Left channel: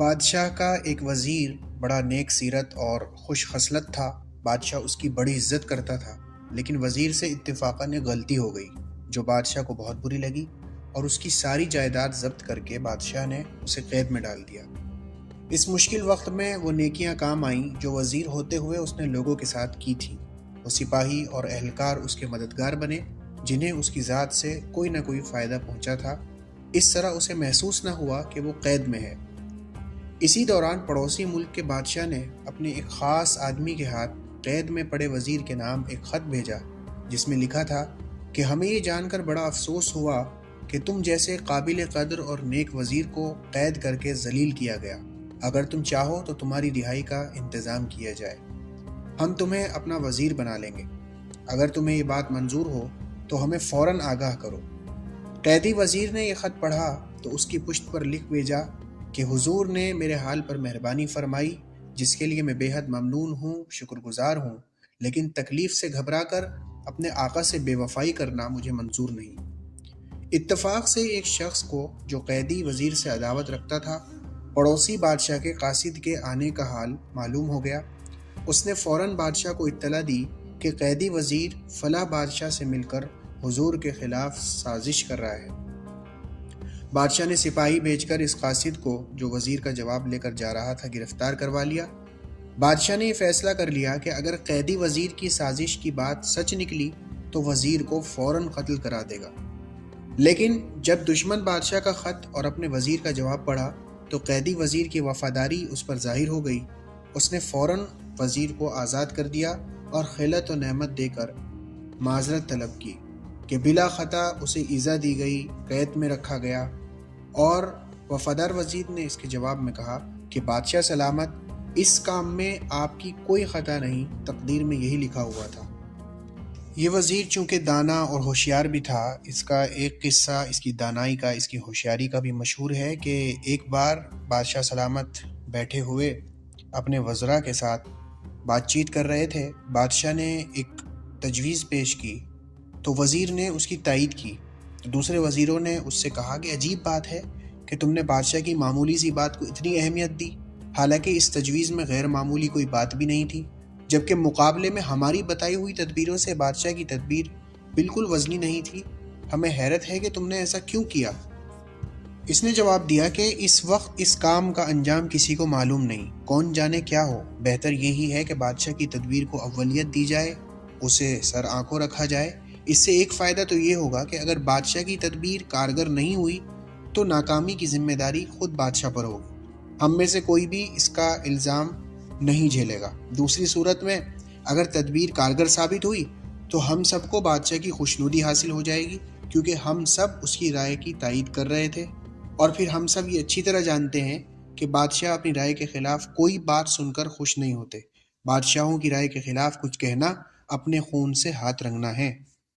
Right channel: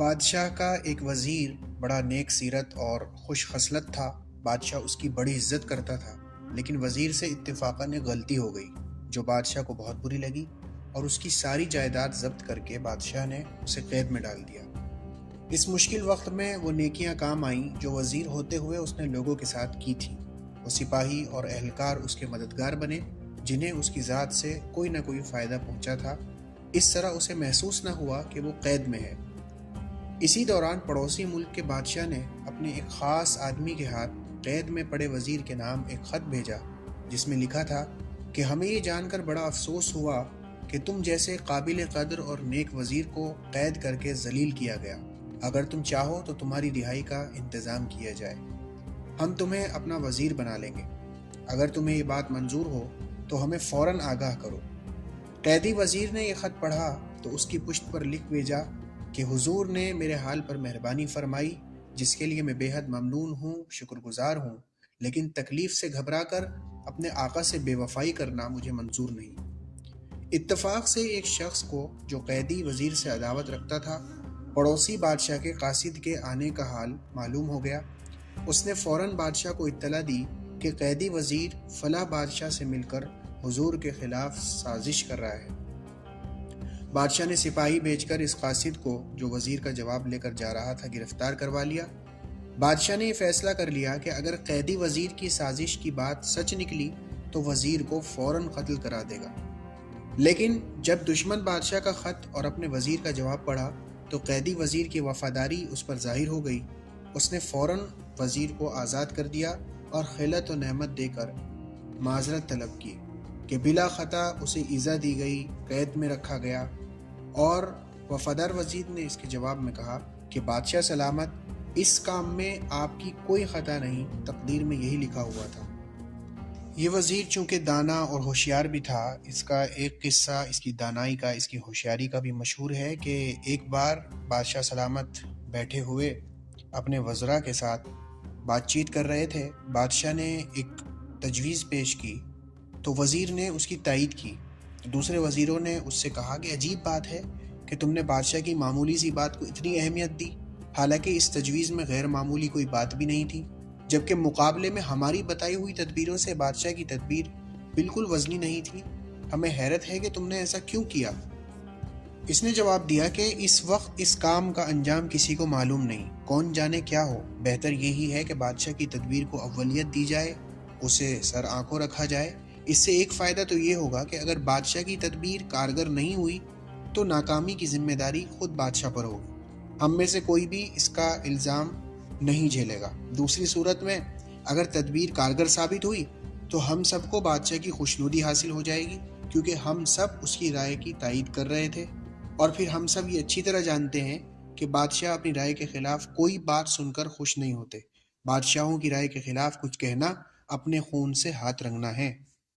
بادشاہ کا ایک وزیر بڑا نیک سیرت اور خوش خصلت تھا۔ بادشاہ اس کی بڑی عزت کرتا تھا، لیکن وزیر سے اتفاقاً ایک غلطی ہو گئی جو بادشاہ کو بہت بری لگی، اور اس کی ساری جائیداد ضبط کر کے بادشاہ نے اسے قید میں ڈال دیا۔ اس مشکل وقت میں وہ نیکیاں کام آئیں جو وزیر ہوتے ہوئے اس نے لوگوں کے ساتھ کی تھیں۔ وہ سپاہی اور اہلکار اس کے مددگار بنے جنہیں اس کی ذات سے کوئی نہ کوئی فائدہ پہنچا تھا۔ اس طرح اسے محسوس نہ ہوا کہ وہ قید میں ہے۔ اسی دوران پڑوسی ملک کے بادشاہ نے اپنے ایک خاص آدمی کے ہاتھ قید میں پڑے وزیر کے نام ایک خط بھیجا، جس میں لکھا تھا کہ ہمیں یہ جان کر بڑا افسوس ہوا کہ تم جیسے قابل قدر اور نیک وزیر کو قید کر کے ذلیل کیا گیا۔ اگر تم چاہو تو تمہاری رہائی کا انتظام کیا جائے۔ ہم تمہیں اپنا وزیر بنا لیں گے۔ اگر تمہیں یہ بات منظور ہو تو ہمیں فوراً آگاہ کرو۔ قیدی وزیر نے یہ خط پڑھا تو اس کی پشت پر لکھ بھیجا کہ حضور نے میرے حال پر مہربانی فرمائی، جس کے لیے میں بے حد ممنون ہوں، شکر گزار ہوں، لیکن تکلیف سے گھبرا کر اپنے آقا سے بے وفائی کرنا مجھے منظور نہیں۔ اتفاق سے ایک شخص کو جو قیدی وزیر سے عداوت رکھتا تھا، پڑوسی بادشاہ کے قاصد کے آنے کا حال معلوم ہو گیا۔ اس نے فوراً بادشاہ کو اطلاع دی کہ قیدی وزیر فلاں بادشاہ سے مل کر حضور کے خلاف سازش کر رہا ہے۔ بادشاہ نے سپاہی بھیج کر اس قاصد کو، جو وزیر کا جواب لے کر جا رہا تھا، گرفتار کروا لیا۔ بادشاہ نے یہ فیصلہ کر لیا کہ اگر قیدی وزیر کی سازش کی بات سچ نکلی تو وزیر کو فوراً قتل کرا دے گا۔ لیکن جب دشمن بادشاہ کا خط اور اپنے وزیر کا جواب پڑھا تو قیدی وزیر کی وفاداری اس پر ظاہر ہو گئی۔ اس نے فوراً وزیر کو آزاد کر دیا اور خلعت و نعمت دے کر معذرت طلب کی کہ بلا خطا اسے ایذا دی گئی، قید میں رکھا گیا۔ اور وفادار وزیر نے اس کے جواب میں کہا کہ بادشاہ سلامت، اس کام میں آپ کی کوئی خطا نہیں، تقدیر میں یہی لکھا ہوا تھا۔ یہ وزیر چونکہ دانا اور ہوشیار بھی تھا، اس کا ایک قصہ اس کی دانائی کا، اس کی ہوشیاری کا بھی مشہور ہے کہ ایک بار بادشاہ سلامت بیٹھے ہوئے اپنے وزراء کے ساتھ بات چیت کر رہے تھے۔ بادشاہ نے ایک تجویز پیش کی تو وزیر نے اس کی تائید کی۔ دوسرے وزیروں نے اس سے کہا کہ عجیب بات ہے کہ تم نے بادشاہ کی معمولی سی بات کو اتنی اہمیت دی، حالانکہ اس تجویز میں غیر معمولی کوئی بات بھی نہیں تھی، جبکہ مقابلے میں ہماری بتائی ہوئی تدبیروں سے بادشاہ کی تدبیر بالکل وزنی نہیں تھی۔ ہمیں حیرت ہے کہ تم نے ایسا کیوں کیا؟ اس نے جواب دیا کہ اس وقت اس کام کا انجام کسی کو معلوم نہیں، کون جانے کیا ہو۔ بہتر یہی ہے کہ بادشاہ کی تدبیر کو اولیت دی جائے، اسے سر آنکھوں رکھا جائے۔ اس سے ایک فائدہ تو یہ ہوگا کہ اگر بادشاہ کی تدبیر کارگر نہیں ہوئی تو ناکامی کی ذمہ داری خود بادشاہ پر ہوگی۔ ہم میں سے کوئی بھی اس کا الزام نہیں جھیلے گا۔ دوسری صورت میں اگر تدبیر کارگر ثابت ہوئی تو ہم سب کو بادشاہ کی خوشنودی حاصل ہو جائے گی، کیونکہ ہم سب اس کی رائے کی تائید کر رہے تھے، اور پھر ہم سب یہ اچھی طرح جانتے ہیں کہ بادشاہ اپنی رائے کے خلاف کوئی بات سن کر خوش نہیں ہوتے۔ بادشاہوں کی رائے کے خلاف کچھ کہنا اپنے خون سے ہاتھ رنگنا ہے۔